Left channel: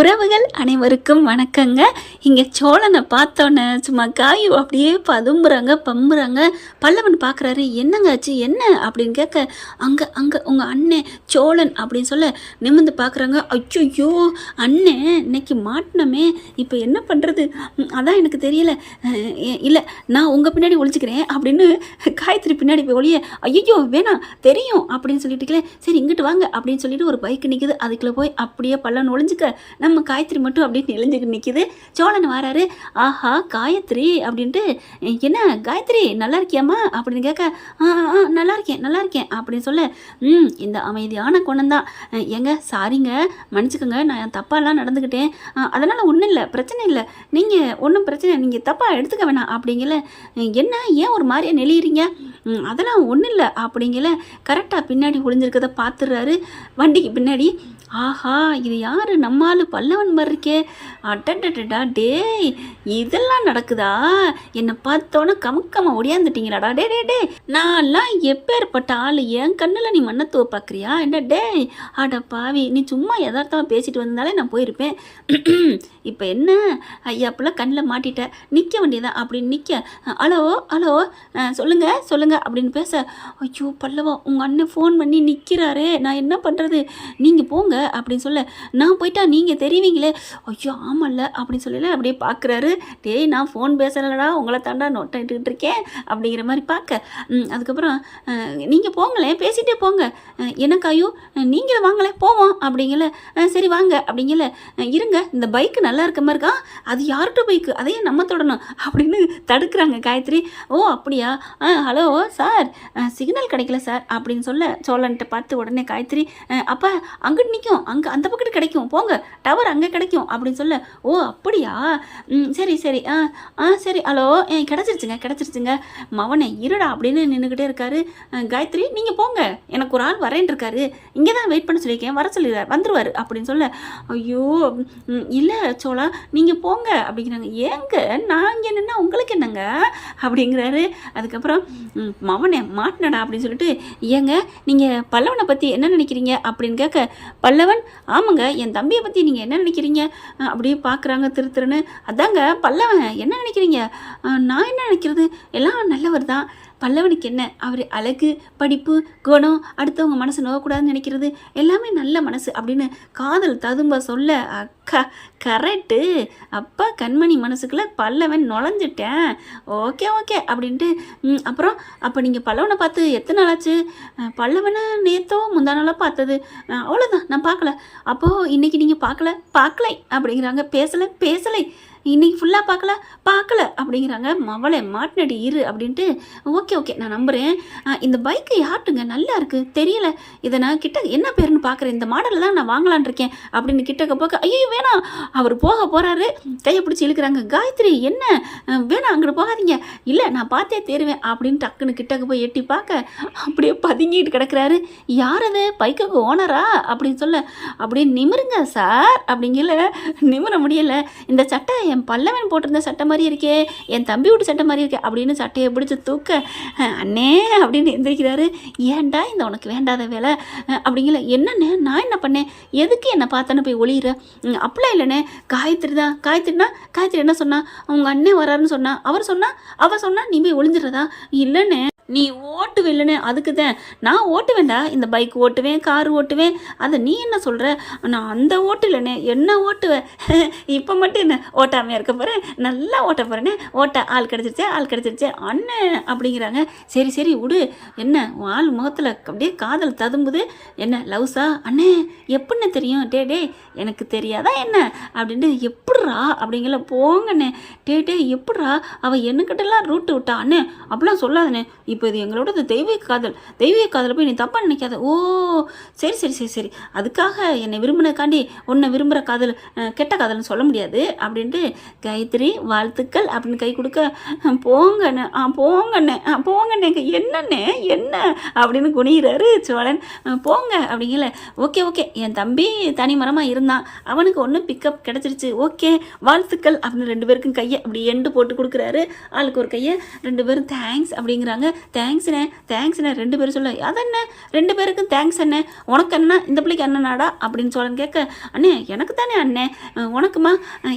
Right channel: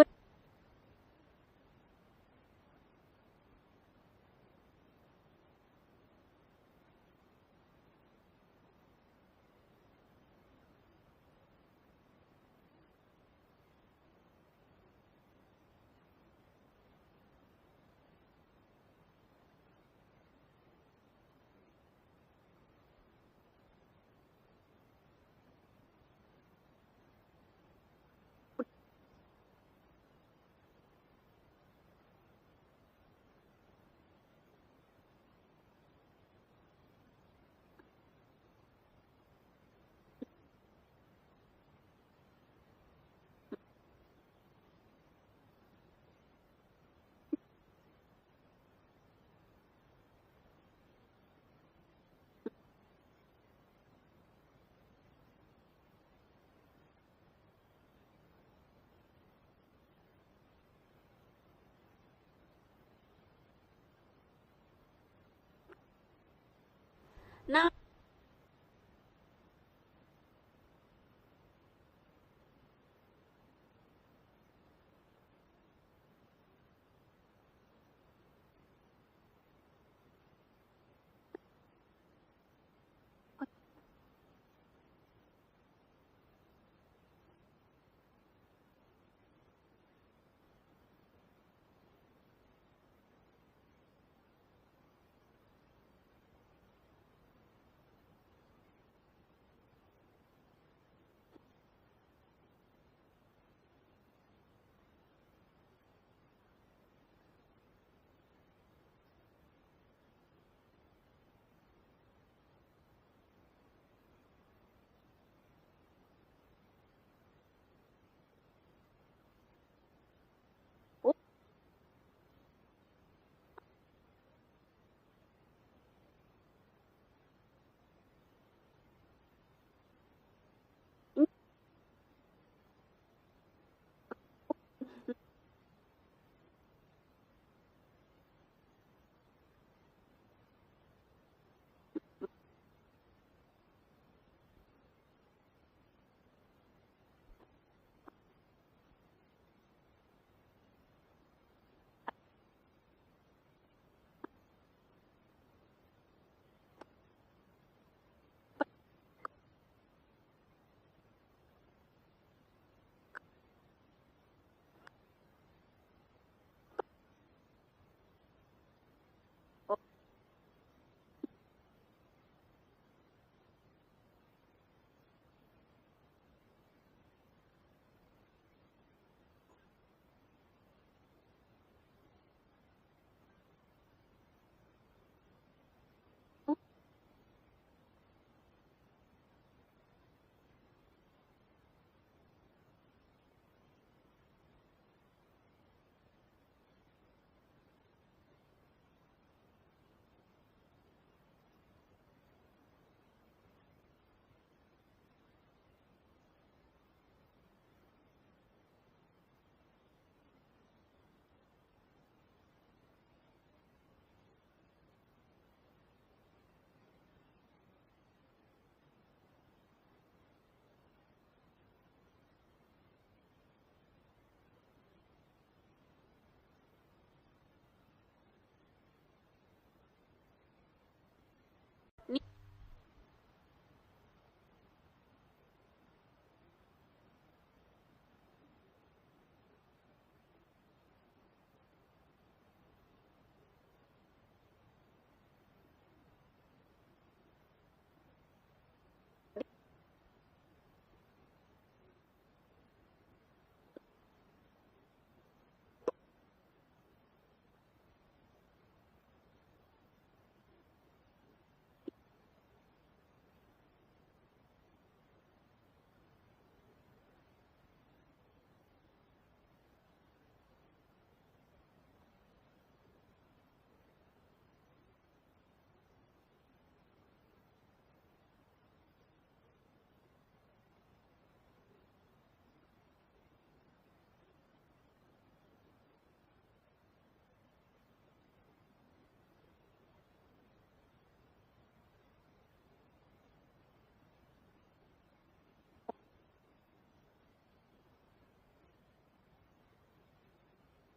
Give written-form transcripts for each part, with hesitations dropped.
உறவுகள் அனைவருக்கும் வணக்கங்க. இங்கே சோழனை பார்த்தோன்னே சும்மா காயு அப்படியே பதும்புறாங்க பம்புறாங்க. பல்லவன் பார்க்குறாரு, என்னங்க ஆச்சு என்ன அப்படின்னு கேட்க, அங்கே அங்கே உங்கள் அண்ணன் சோழன் அப்படின்னு சொல்ல நிமிர்ந்து பார்க்குறாங்க. ஐயோ அண்ணன் இன்னைக்கு மாட்டினமே, இப்போ என்ன பண்ணுறது, அதான் எனக்கு தெரியல, இல்லை நான் உங்கள் பின்னாடி ஒழிச்சிக்கிறேன் அப்படின்னு காயத்ரி பின்னாடி போய் ஒழிய, ஐயோ வேணாம் தெரியும் அப்படின்னு சொல்லிட்டுக்கலே, சரி இங்கிட்டு வாங்க அப்படின்னு சொல்லிட்டு ஒரு பைக் நிற்குது, அதுக்குள்ளே போய் அப்படியே பல்லவன் ஒழிஞ்சிக்க நம்ம காயத்ரி மட்டும் அப்படின்னு நெளிஞ்சுக்கிட்டு நிற்கிது. சோழன் வராரு, ஆஹா காயத்ரி அப்படின்ட்டு, என்ன காயத்ரி நல்லா இருக்கியாம்மா அப்படின்னு கேட்க, நல்லா இருக்கேன் அப்படின்னு சொல்ல, இந்த அமைதியான குணம்தான். ஏங்க சாரிங்க மன்னிச்சுக்கோங்க, நான் தப்பாலாம் நடந்துக்கிட்டேன், அதனால் ஒன்றும் இல்லை பிரச்சனை இல்லை, நீங்கள் ஒன்றும் பிரச்சனை நீங்கள் தப்பாக எடுத்துக்க வேணாம் அப்படிங்கல. என்ன ஏன் ஒரு மாதிரியாக நெளியிறீங்க, அதெல்லாம் ஒன்றும் இல்லை அப்படிங்கல. கரெக்டாக பின்னாடி ஒளிஞ்சிருக்கதை பார்த்துடுறாரு வண்டிக்கு பின்னாடி. ஆஹா இது யார் நம்மால் பல்லவன் மாதிரி இருக்கே, அட்டடா டேய் இதெல்லாம் நடக்குதா, என்னை பார்த்தோன்னே கமுக்கமா ஒடியாந்துட்டீங்களாடா, டே டே டே நான்லாம் எப்பேற்பட்ட ஆள், என் கண்ணில் நீ மண்ணத்துவ பார்க்குறியா என்ன டேய், அட பாவி நீ சும்மா யதார்த்தமாக பேசிட்டு வந்தாலே நான் போயிருப்பேன், இப்போ என்ன ஐயாப்பெல்லாம் கண்ணில் மாட்டிட்ட, நிற்க வேண்டியதான் அப்படின்னு நிற்க, ஹலோ ஹலோ சொல்லுங்க அப்படின்னு பேச, ஐயோ பல்லவா உங்கள் அண்ணன் ஃபோன் பண்ணி நிற்கிறாரே, நான் என்ன பண்ணுறது, நீங்கள் போங்க அப்படின்னு சொல்ல, நான் போயிட்டா நீங்கள் தெரிவிங்களே, ஐயோ ஆமல்ல அப்படின்னு சொல்லல அப்படியே பார்க்குறாரு. டேய் நான் ஃபோன் பேசலடா, உங்களை தாண்டா நோட்டிட்டு இருக்கேன் அப்படிங்கிற மாதிரி பார்க்க, அதுக்கப்புறம் நீங்கள் போங்களேன் பேசிகிட்டே போங்க, எனக்காயும் நீங்களும் வாங்களே போவோம் அப்படிங்கல, சரி வாங்க அப்படிங்கல, இருங்க இந்த பைக்கு நல்லா இருக்க மாதிரி இருக்கா, அது யார்கிட்ட பைக்கு அதையே நம்ம தொடணும் அப்படின்னு தடுக்கிறாங்க காயத்ரி. ஓ அப்படியா, ஹலோ சார் சிக்னல் கிடைக்கல சார் அப்படின்னு சொல்ல, சோழன்ட்ட பார்த்து உடனே காயத்ரி, அப்போ அங்கிட்டு நிற்கும், அங்கே அந்த பக்கத்து கிடைக்கும் போங்க, டவர் அங்கே கிடைக்கும் அப்படின்னு சொல்ல, ஓ அப்படியா சரி சரி சரி ஹலோ கிடச்சிருச்சுங்க மவனை இருடா அப்படின்னு நின்றுக்கிட்டே இருக்காரு. காயத்ரி நீங்கள் போங்க, எனக்கு ஒரு ஆள் வரேன் இருக்காரு, இங்கே தான் வெயிட் பண்ண சொல்லியிருக்கேன், வர சொல்லிடுறாரு வந்துருவார் அப்படின்னு சொல்ல, ஐயோ இல்லை சோழா நீங்கள் போங்க அப்படிங்கிறாங்க. ஏங்க நான் இங்கே நின்னா உங்களுக்கு என்னங்க அப்படிங்கிறாரு. அதுக்கப்புறம் மவனை மாட்டினடா அப்படின்னு சொல்லிட்டு, ஏங்க நீங்கள் பல்லவனை பற்றி என்ன நினைக்கிறீங்க அப்படின்னு கேட்க, பல்லவன் ஆமாங்க என் தம்பியை பற்றி நீங்கள் என்ன நினைக்கிறீங்க அப்படியே பார்க்குறாங்க திருன்னு. அதாங்க பல்லவன் என்ன நினைக்கிறீங்க, நான் என்ன நினைக்கிறது எல்லாம் நல்லவர் தான், பல்லவனுக்கு என்ன அவர் அழகு படிப்பு குணம் அடுத்தவங்க மனசு நோக்கக்கூடாதுன்னு நினைக்கிறது எல்லாமே நல்ல மனசு அப்படின்னு காதல் ததும்ப சொல்ல, அக்கா கரெக்டு, அப்பா கண்மணி மனசுக்குள்ளே பல்லவன் நுழைஞ்சிட்டேன், ஓகே ஓகே அப்படின்ட்டு. அப்புறம் அப்போ நீங்கள் பல்லவனை பார்த்து எத்தனை நாள் ஆச்சு, பல்லவனை நேற்றோ முந்தா நாளாக பார்த்தது, அவ்வளோதான் நான் பார்க்கல, அப்போது இன்றைக்கி நீங்கள் பார்க்கலை அப்படிங்கிறாங்க. பேசலை இன்றைக்கி ஃபுல்லாக பார்க்கல அப்படிங்கிறாங்க. மவளை மாட்டினடி இரு அப்படின்ட்டு, ஓகே நான் நம்புகிறேன், இந்த பைக்கு யார்ட்டுங்க நல்லா இருக்குது தெரியல, இதை நான் கிட்ட என்ன பேருன்னு பார்க்குறேன், இந்த மாடலில் தான் நான் வாங்கலான் இருக்கேன் அப்படின்னு கிட்டக்க போக்க, ஐயோ வேணாம் அவர் போக போகிறாரு, கையை பிடிச்சி இழுக்கிறாங்க. காயத்ரி என்ன வேணாம் அங்கிட்டு போகாதீங்க, இல்லை நான் பார்த்தே தேருவேன் அப்படின்னு டக்குன்னு கிட்டக்க போய் எட்டி பார்க்க, அப்படியே பதுங்கிட்டு கிடக்கிறாரு. யார் அது பைக்குக்கு ஓனரா அப்படின்னு சொல்ல, அப்படியே நிமிருங்க சார் அப்படிங்கல, நிமிர முடியலை, இந்த சட்டை என் பல்லவன் போட்டிருந்த சட்டை மாதிரி இருக்கே, என் தம்பி வீட்டு சட்டை மாதிரி இருக்கே அப்படின்னு சட்டையை பிடிச்சி தூக்க, அண்ணே அப்படின்னு எந்திரிக்கிறாரு. ஏன்டா இந்த உனக்கு வேண்டாத வேலை அப்படிங்கல, என்னண்ணே நான் என்ன பண்ணேன், எதுக்கு என்னை பார்த்தேன்னு போய் ஒளியிற, அப்படிலாம் இல்லைண்ணே, காயத்ரினா காயத்ரி என்ன சொன்னா, அவங்க அண்ணன் வராருன்னு சொன்னா, அவ சொன்னா நீ போய் ஒளிஞ்சிடுறதா, இல்லைண்ணே நீ ஓட்டுவே இல்லைன்னு, அதுக்கு தான் நான் ஓட்டுவேன்டா, இந்த பைக் ஓட்டுவேன் கார் ஓட்டுவேன், அதை நீ என்ன சொல்கிற, நான் அந்த ஓட்டு இல்லைண்ணே என்ன ஓட்டுவேன், இப்போ மட்டும் என்ன ஓட்டாமையாக இருக்க போகிறேன், நல்லா ஓட்ட போகிறேனே, ஆள் கிடச்சிருச்சே அண்ணன் அப்படிங்கிறாங்க. சரி விடு, என்ன ஆள் முகத்தில் அப்படியே காதல் ததும்புது, என்ன லவ்ஸா அண்ணே எப்படின்னு தெரியும், டே எனக்கு தெரியாதா என்ன அப்படின்ட்டு, எப்பட்றா அப்படிங்கல, போங்கண்ணே டே எப்பட்றா அவள் என்னக்கிட்டலாம் ரூட்டு விட்டா அண்ணே அப்படிலாம் சொல்லாதண்ணே, இப்போ இது எங்களோட தெய்வீக காதல் போய் நீ தப்பாக நினைக்காத, ஓ சரி அதுக்காக என்னை விரும்பினக்காண்டி உன்னை விரும்புகிற காதல் கெட்ட காதல்னு சொல்ல முடியாது அப்படின்ட்டு, காயத்ரி வாழ்த்துக்கள் அப்படின்னு கை கொடுக்க, போங்கண்ணே என்னண்ணே என்ன அப்படின்னு குனிகிறாரு சோழன். போங்க அப்படிங்கல, ஓகே என் தம்பி தனி மரமாக இருந்தான், அவனுக்கு ஒன்று பிக்கப் கிடச்சிருச்சு, ஓகே வாழ்த்துக்கள் அப்படின்னு ரெண்டு பேருக்கும் கையை அப்படி எண்டு போட்டு கொடுக்குறாரு, ஆளுக்கு ஒரு கையை, ரெண்டு பேரும் தேங்க்ஸ் அப்படிங்கிறாங்க. தேங்க்ஸ்ண்ணே தேங்க்ஸ்ண்ணே 2 பேரும் சொல்ல. அதென்ன 2 பேருக்கும் தேங்க்ஸ் அண்ணே, உனக்கு அண்ணா இந்த பிள்ளைக்கு அண்ணனாடா அப்படின்னு சோழன் கேட்க, அண்ணே எனக்கு தானே அண்ணே, உனக்குமா,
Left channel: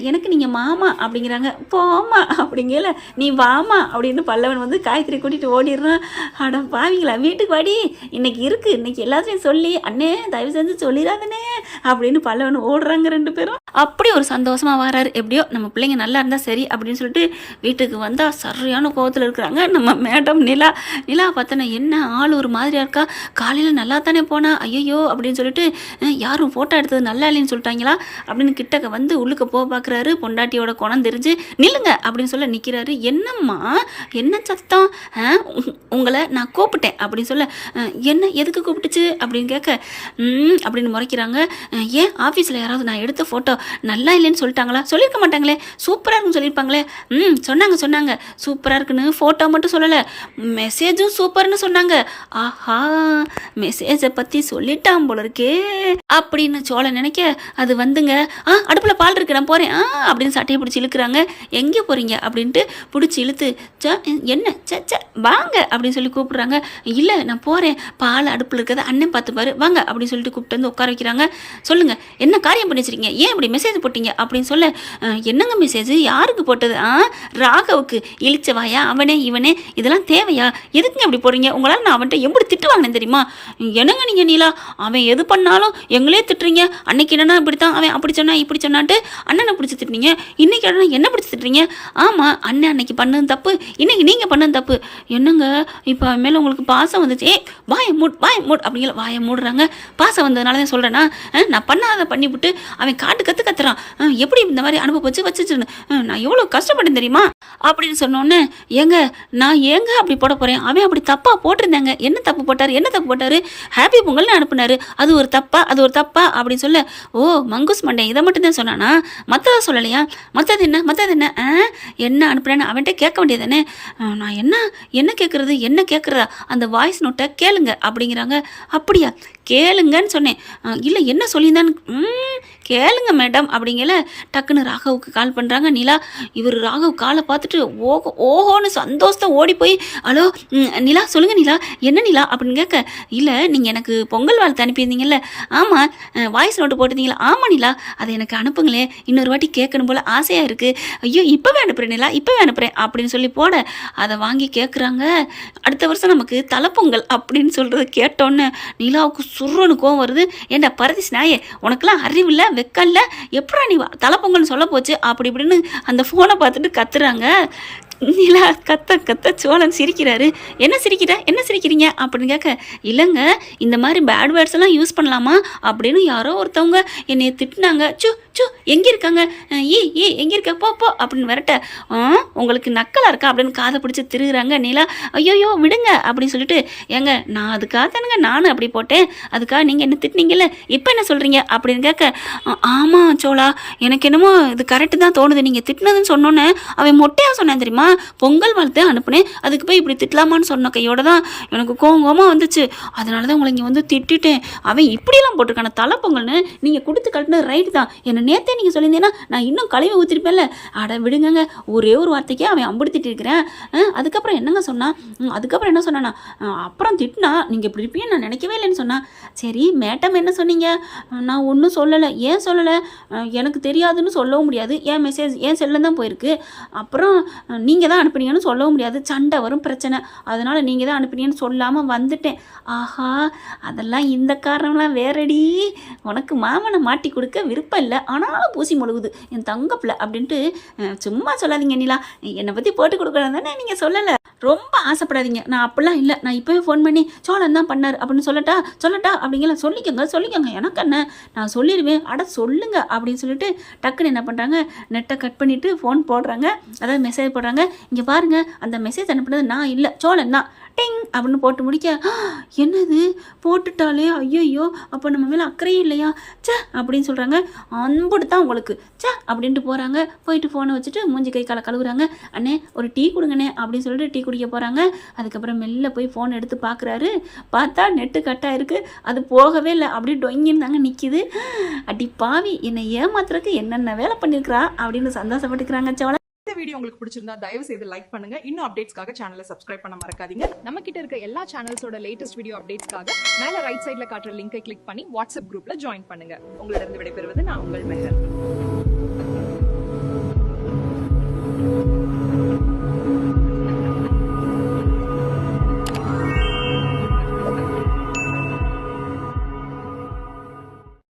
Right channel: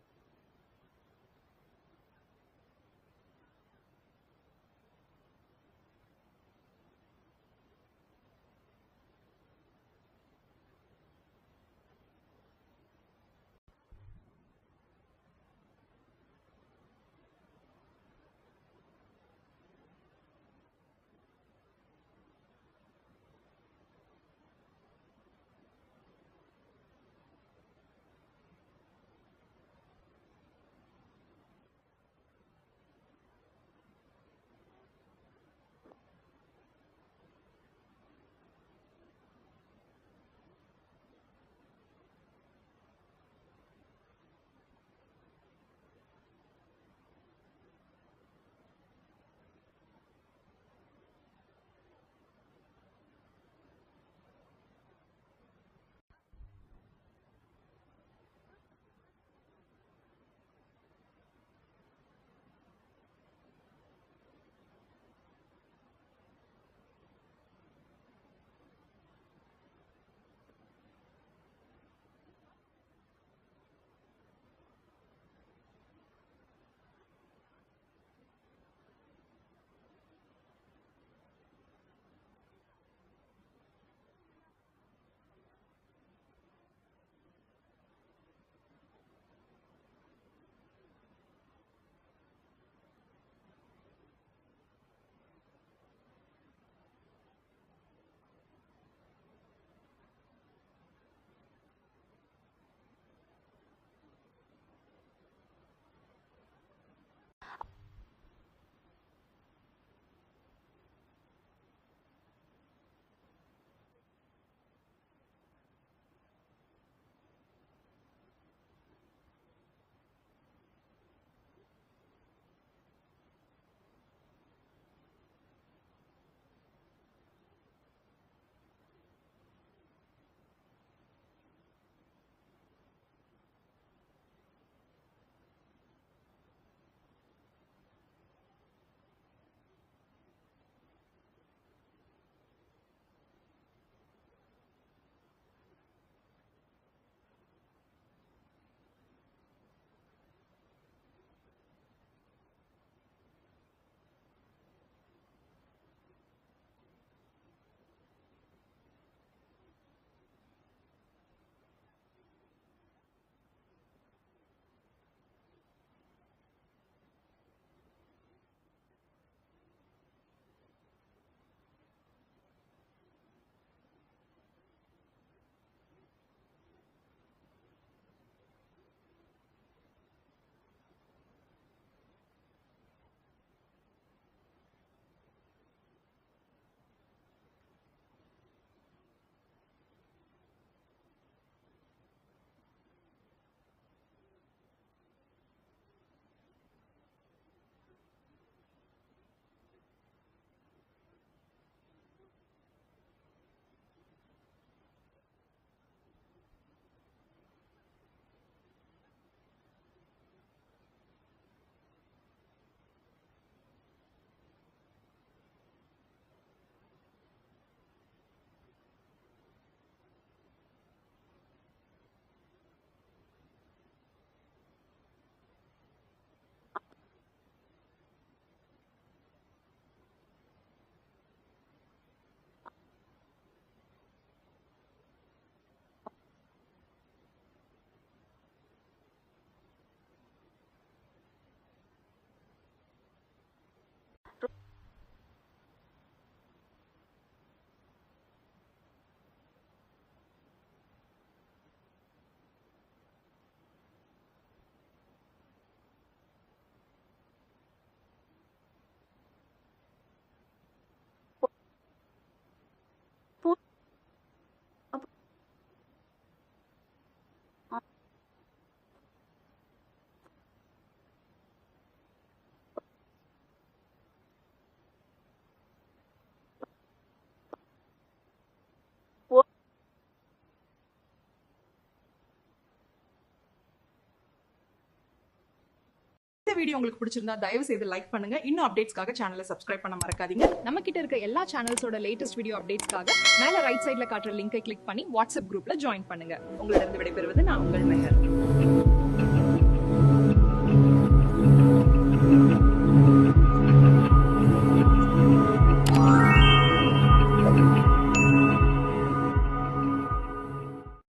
எனக்கு நீங்கள் மாமா அப்படிங்கிறாங்க. போமா அப்படிங்கல, நீ வாமா அப்படின்னு பல்லவன் வந்து காயத்ரி கூட்டிகிட்டு ஓடிடுறான். அட பாவீங்களா, வீட்டுக்கு வாடி, இன்னைக்கு இருக்குது, இன்னைக்கு எல்லாத்தையும் சொல்லி அண்ணே தயவு செஞ்சு சொல்லிடாதனே அப்படின்னு பல்லவன் ஓடுறாங்க 2 பேரும். அப்படி ஒரு சந்தோஷமாக வராரு. எப்படியோ நம்ம பிள்ளைங்க நல்லா இருந்தால் சரி அப்படின்னு சொல்லிட்டு வீட்டுக்கு வந்தால் சரியான கோவத்தில் இருக்கிறாங்க நம்ம மேடம் நிலா. நிலா பார்த்தோன்னா என்ன ஆள் ஒரு மாதிரியாக இருக்கா, காலையில் நல்லா தானே போனா, ஐயோ அப்படின்னு சொல்லிட்டு யாரும் ஃபோட்டோ எடுத்தது நல்லா இல்லைன்னு சொல்லிட்டாங்களா அப்படின்னு கிட்டக்க வந்து உள்ளுக்க போக பார்க்குறாரு. பொண்டாட்டியோட குணம் தெரிஞ்சு நில்லுங்க அப்படின்னு சொல்ல நிற்கிறாரு. என்னம்மா என்ன சத்தம், உங்களை நான் கூப்பிட்டேன் அப்படின்னு சொல்ல, என்ன எதுக்கு கூப்பிட்டுச்சு அப்படின்னு கேட்க, அப்படின்னு முறைக்கிறாங்க. ஏன் ஆஃபீஸில் யாராவது நான் எடுத்த ஃபோட்டோ நல்லா இல்லைன்னு சொல்லிட்டாங்களா, சொல்லியிருக்க மாட்டாங்களே, சூப்பராக இருக்குன்னு சொல்லியிருப்பாங்களே. சொன்னாங்க சூப்பராக இருக்குன்னு, ஃபோட்டோ மட்டும் சொல்லலை, மெசேஜும் சூப்பர்னு சொன்னாங்க. ஆஹா, மெசேஜை பற்றி சொல்லிட்டான் போல இருக்கே அப்படின்னு சோழன் நினைக்க, அது வந்துங்க அடுப்பில் பால் இருக்கு நான் போகிறேன் அப்படின்னு சட்டையை பிடிச்சி இழுக்கிறாங்க. எங்கே போகிறீங்க அப்படின்ட்டு பிடிச்சி இழுத்து, என்ன ச வாங்க அப்படின்னு சொல்லி கூப்பிட்றாங்க. இல்லை நான் போகிறேன், பால் அடுப்பில் இருக்கிறத அண்ணன் பார்த்துப்பாரு வாங்க அப்படின்னு சொல்லிட்டு கூப்பிட்டு வந்து உட்கார வைக்கிறாங்க. சொல்லுங்கள் என்ன காரியம் பண்ணி வச்சிருக்கீங்க, ஏன் இப்படி மெசேஜ் போட்டீங்க அப்படின்னு சொல்ல, என்னங்க மெசேஜ் யாருக்கு போட்டது, ராகவுக்கு, இழிச்சவாயா அவனே இவனே, இதெல்லாம் தேவையா, எதுக்குங்க இப்படி போடுறீங்க, உங்களால் நான் அவன்கிட்ட எப்படி திட்டு வாங்கினேன் தெரியுமா, என்னங்க நீங்கள் நீலா, அவன் எது பண்ணாலும் எங்களே திட்டுறீங்க, அன்னைக்கு என்னன்னா இப்படித்தான் அவன் அப்படி சொன்னா இப்படி சொன்னான்ட்டு அண்ணனை பிடிச்சி திட்டுறீங்க, இன்னைக்கு என்னன்னா என்ன பிடிச்சி திட்டுறீங்க, ஆமாம் அண்ணன் அன்னைக்கு பண்ணது தப்பு, இன்னைக்கு நீங்கள் பண்ணது தப்பு, என்னங்க இப்போ அவன் மேலே உங்களுக்கு பாசம் வந்துச்சு, வாயை மூட் அப்படிங்கிற வாயை மூடுறாங்க. பாசம் வந்ததுனால தான் சொல்கிறேன்னா, நான் பண்ணாத பண்ணிவிட்டு அவன் காட்டு கத்துறான், எப்படி இந்த மாதிரி அனுபவம் வச்சுன்னு நான் எவ்வளோ கஷ்டப்பட்டேன் தெரியுமா அப்படின்னு சொன்னோன்னே, நான் ஏங்க அப்படி போட போகிறேன், அவன் அப்படி தப்பாக போட்டிருந்தாங்க, என்ன தப்பு போட்டார், ஹாப்பி பொங்கல்னு அனுப்புனாரு, அது ஒரு தப்பா அப்படின்னு சொல்ல, ஓ மங்குஸ் மண்டே இதை மட்டும் தான் சொன்னானா, மற்றதை சொல்லலையா, மற்றது என்ன என்ன அனுப்புனேன்னு அவன்கிட்ட கேட்க வேண்டியதானே, நான் என்ன கேட்குறதா அந்த வாய்ஸ் நோட்டை கேளுங்க அப்படிங்கிறாங்க. அப்படியா கேளுங்கன்னு சொன்னேன், இல்லை என்ன சொல்லியிருந்தான்னு கேளுங்க மேடம் அப்படிங்கல. டக்குன்னு ராகவுக்கு கால் பண்ணுறாங்க நிலா. இவர் ராகவ் காலை பார்த்துட்டு ஓஹோன்னு சந்தோஷத்தை ஓடி போய், ஹலோ நிலா சொல்லுங்கள் நிலா, என்ன நிலா அப்படின்னு கேட்க, இல்லை நீங்கள் எனக்கு பொங்கல் வாழ்த்து அனுப்பியிருந்தீங்கல்ல, ஆமாம் வாய்ஸ் நோட்டு போட்டிருந்தீங்களா, ஆமாம் நிலா அதை எனக்கு அனுப்புங்களே, இன்னொரு வாட்டி கேட்கணும் போல் ஆசையாக இருக்குது, ஐயோ இப்போவே அனுப்புகிறேன் நிலா இப்போவே அனுப்புகிறேன் அப்படின்னு சொல்லி போட, அதை வாங்கி கேட்குறாங்க. அடுத்த வருஷம் நமக்கு தலைப்பொங்கல் அப்படின்னு சொல்கிறது கேட்டோன்னு நிலாவுக்கு சுருன்னு கோவம் வருது. ஏண்டா பரதேசி நாயே, உனக்கெல்லாம் அறிவில்லை வெக்கல்ல, எப்படா நீ தலைப்பொங்கல்னு சொல்ல போச்சு அப்படி இப்படின்னு அந்த ஃபோனை பார்த்துட்டு கத்துறாங்க. நிலா கத்த சோழன் சிரிக்கிறாரு. என்ன சிரிக்கிறீங்க அப்படின்னு கேட்க, இல்லைங்க இந்த மாதிரி பேட் வேர்ட்ஸ் எல்லாம் யூஸ் பண்ணலாமா அப்படின்னு யாரோ ஒருத்தவங்க என்னை திட்டினாங்க, எங்கே இருக்காங்க, எங்கே இருக்க போ அப்படின்னு விரட்ட, உங்களுக்கு நக்கலாக இருக்கா அப்படின்னு காதை பிடிச்சி திருகுறாங்க. நிலா ஐயோயோ விடுங்க அப்படின்னு சொல்லிட்டு, ஏங்க நான் அதுக்காக தானுங்க நானும் அப்படி போட்டேன், அதுக்காக நீங்கள் என்ன திட்டினீங்கல்ல, இப்போ என்ன சொல்கிறீங்க அப்படின்னு கேட்க, ஆமாம் சோழா எனக்கு என்னமோ இது கரெக்டு தான் தோணுது, நீங்கள் திட்டினதுன்னு சொன்னோன்னே அவன் மொட்டையாக சொன்னேன் தெரியுமா, பொங்கல் வாழ்த்து அனுப்புனேன், அதுக்கு போய் இப்படி திட்டலாமான்னு சொன்ன கையோட தான் எனக்கு கோவமாக வந்துச்சு, அதனால தான் உங்களை இங்கே வந்து திட்டிட்டேன், அவன் இப்படியெல்லாம் போட்டிருக்கான தலை பொங்கல்னு நீங்கள் கொடுத்து கட்டின ரைட்டு தான், என்னை நேற்றே நீங்கள் சொல்லியிருந்தீங்கன்னா நான் இன்னும் கழுவி ஊற்றிருப்பேன்ல, அட விடுங்க ஒரே ஒரு வார்த்தைக்கே அவன் அம்புடி திட்டிருக்கிறேன், அதுக்கப்புறம் என்னங்க சொன்னான், அதுக்கப்புறம் என்ன சொன்னானா, அப்புறம் திட்டினா நீங்கள் இப்படி இருப்பீங்க நான் நினைக்கவே இல்லைன்னு சொன்னான். சரி மேடம் என்ன சொன்னீங்க, நான் ஒன்றும் சொல்லலை, ஏன் சொல்லலை, எனக்கு தெரியாதுன்னு சொல்லவும் முடியாது, என் மெசேஜ் என் செல்லில் தான் போயிருக்கு, அப்புறம் நீங்கள் தான் அனுப்புனீங்கன்னு சொல்லவும் முடியாது, சண்டை வரும் பிரச்சனை, அதனால் நீங்கள் தான் அனுப்புனீங்கன்னு சொல்லாமல் வந்துட்டேன். ஆஹா அதெல்லாம் இந்த காரணம்லாம் வேறடி, உனக்கு மாமனை மாட்டி கொடுக்க விருப்பம் இல்லை, ஆனாலும் பூசி முழுகுது என் தங்கப்பில் அப்படின்ட்டு சும்மா சொல்லாதீங்க நிலா, என்னை பற்றி போட்டு கொடுக்கணும் தானே நீங்கள் சொல்லலை, ரொம்ப ஆசைப்படாதீங்க, நான் அப்படிலாம் இல்லை, நான் இப்போவே ஃபோன் பண்ணி சோழன் தான் பண்ணார் அப்படின்னு சொல்லட்டா அப்படிங்கிற சொல்லிக்கோங்க எனக்கு என்ன நான் சொல்லிடுவேன், சொல்லுங்க அப்படின்னு சொல்லிட்டு டக்குன்னு என்ன பண்ணுறாங்க, நெட்டை கட் பண்ணிவிட்டு ஃபோன் போடுறாங்க, அதாவது மெசேஜ் போடுறாங்க. இங்கே பாருங்கள் அந்த மெசேஜ் அனுப்புனது நான் இல்லை சோழன் தான், டிங் அப்படின்னு போட்டு முடிக்க, என்னது போட்டுட்டாலே ஐயோ அப்போ நம்ம மேலே அக்கறையும் இல்லையா அப்படின்னு சொல்கிறாங்க. அன்புடு தான் உங்களுக்கு அப்படின்ட்டு போகிறாங்க. போயிட்டு ஃபோனை வச்சுட்டு மூஞ்சி கை காலை கழுவுறாங்க. அண்ணே ஒரு டீ கொடுங்கண்ணே அப்படின்னு சொல்லிட்டு டீ குடிக்க போகிறாங்க. அதுக்கப்புறம் மெல்ல போய் ஃபோன் எடுத்து பார்க்குறாரு. பார்த்தா நெட்டு கட்டாக இருக்குது, அது போகவே இல்லை, அப்படியே டொங்கின்னு தாங்க நிற்கிது. அடி பாவி என்னை ஏமாத்துறதுக்கு என்னென்ன வேலை பண்ணியிருக்கிறா அப்படின்னு சந்தோஷப்பட்டுக்கிறாங்க சோழ. இந்த வீடியோ உங்களுக்கு பிடிச்சிருந்தா தயவு செய்து லைக் பண்ணுங்க. இன்னும் அப்டேட்ஸ்க்காக சேனலை சப்ஸ்கிரைப் பண்ண மறக்காதீங்க. நம்ம கிட்ட இருக்க எல்லா சேனல்ஸோட லேட்டஸ்ட் வீடியோ அப்டேட்ஸ்க்காக மேல ரைட் சைடுல காட்டுற லிங்கை கிளிக் பண்ணி வாட்ஸ்அப் குரூப்ல ஜாயின் பண்ணுங்க. உங்களிடம் விடைபெறுவது நான் உங்கள் மெஹர்.